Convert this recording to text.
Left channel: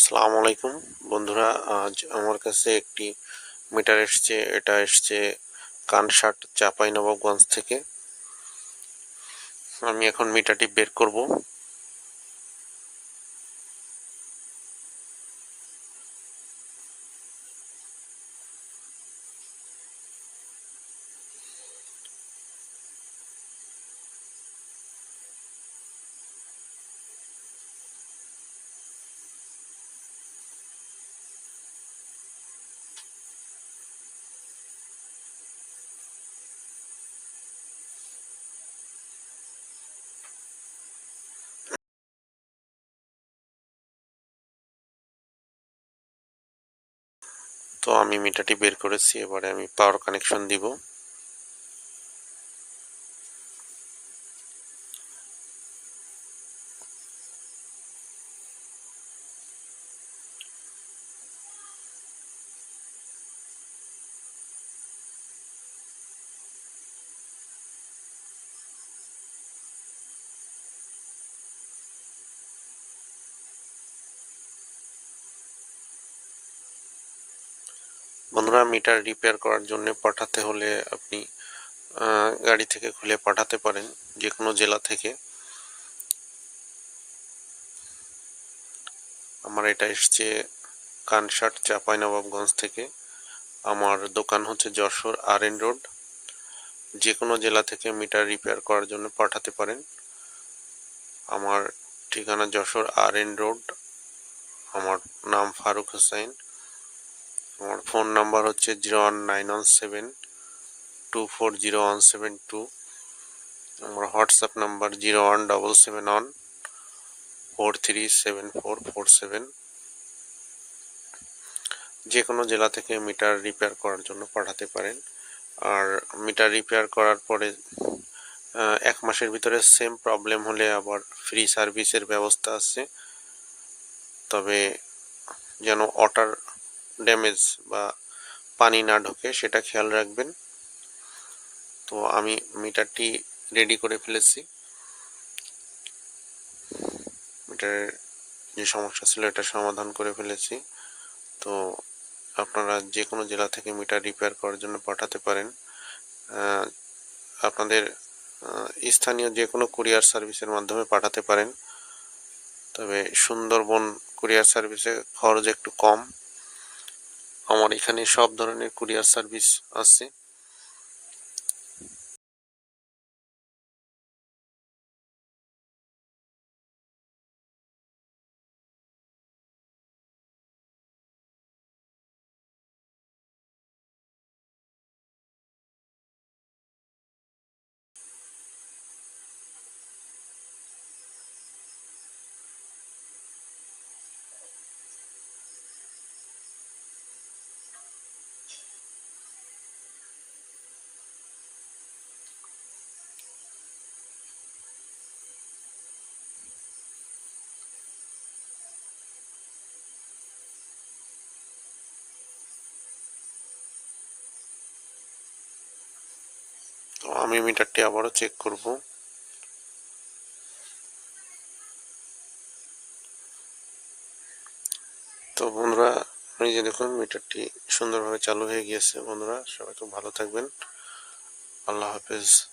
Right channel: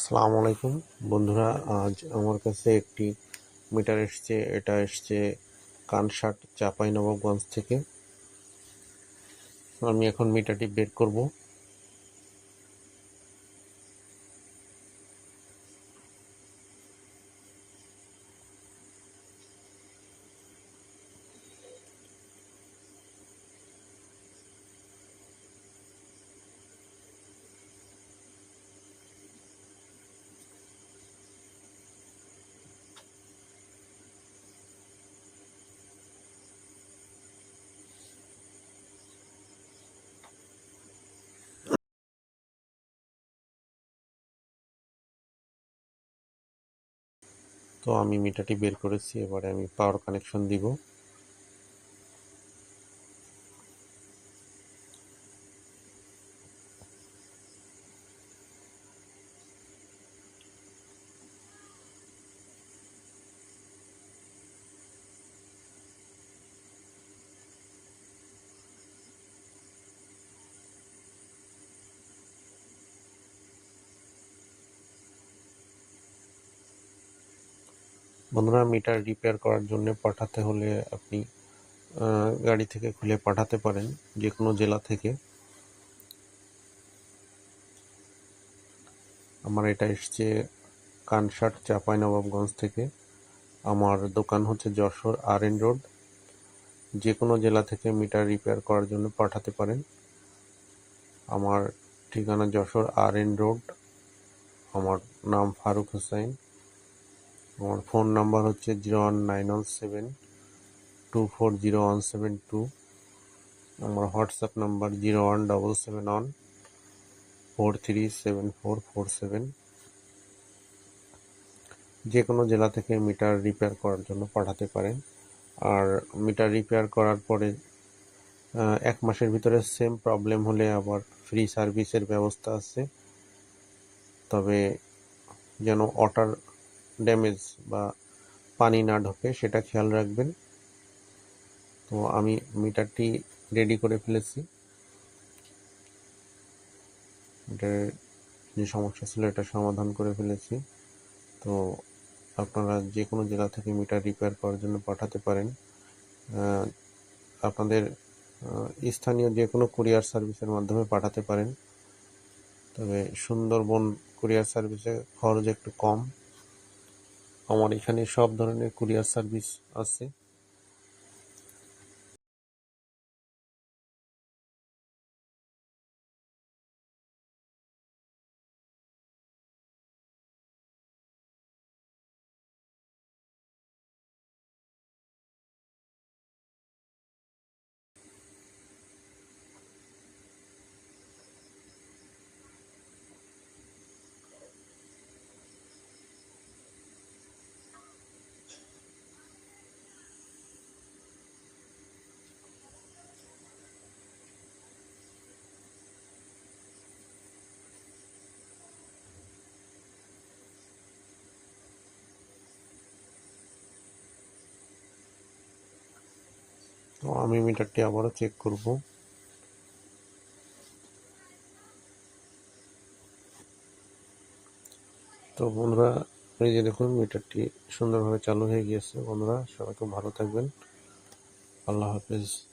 আসসালামু আলাইকুম। বন্ধুরা, আজ আমার কাছে একটি মিটার এসছে। এটা এসছে কানসাট চাপাই নবাবগঞ্জ থেকে। আমি এখন মিটারটি বের করব। তো আমি মিটারটি বের করেছি এবারে আমি পাওয়ার কানেকশন দিব। বন্ধুরা মিটার রিপেয়ার করার জন্য পাঠাতে হলে আপনি গাড়ি থেকে খুলে পাঠাতে পারেন যে কোনো জেলা থেকে। আমার এটা এসছে কানসাট, চাঁপাইনবাবগঞ্জ থেকে। আমার দোকান হচ্ছে যশোর আর এন রোড যে কোনো জেলা থেকে মিটার রিপেয়ার করার জন্য পাঠাতে পারেন। আমার ঠিকানা যশোর আর এন রোড আমার নাম ফারুক হোসাইন আমার ফোন নাম্বার হচ্ছে zero one nine one seven two four zero one seven two. আমার WhatsApp number zero one double seven one four three seven four four seven. যে কোনো জেলা থেকে মিটার রিপেয়ার করার জন্য পাঠাতে পারেন। আর মিটার রিপেয়ার করার পরে এক মাসের ভিতরে সেম প্রবলেম হলে আবার ফ্রি সার্ভিসের ব্যবস্থা আছে। তবে যেন ওয়াটার ড্যামেজ বা পানি না ঢোকে, সেটা খেয়াল রাখবেন। তো আমি মিটারটি রেডি করে ফেলেছি। মিটারের যে সমস্যা ছিল, এটা সমাধান করে ফেলেছি। তো আপনারা যে কোনো জেলা থেকে মিটার রিপেয়ার করার জন্য পাঠাতে পারেন। আপনাদের স্থানীয় যে কোনো কুরিয়ার সার্ভিসের মাধ্যমে পাঠাতে পারেন। তবে সুন্দরবন কুরিয়ার সার্ভিসে খরচ একটু কম। আমার এখানে সব ধরনের কুরিয়ার সার্ভিস আছে। তো আমি মিটারটি আবারও চেক করব। তো বন্ধুরা আপনি যে দেখুন, মিটারটি সুন্দরভাবে চালু হয়ে গিয়েছে। বন্ধুরা, সবাই খুব ভালো থাকবেন। আল্লাহ হাফেজ।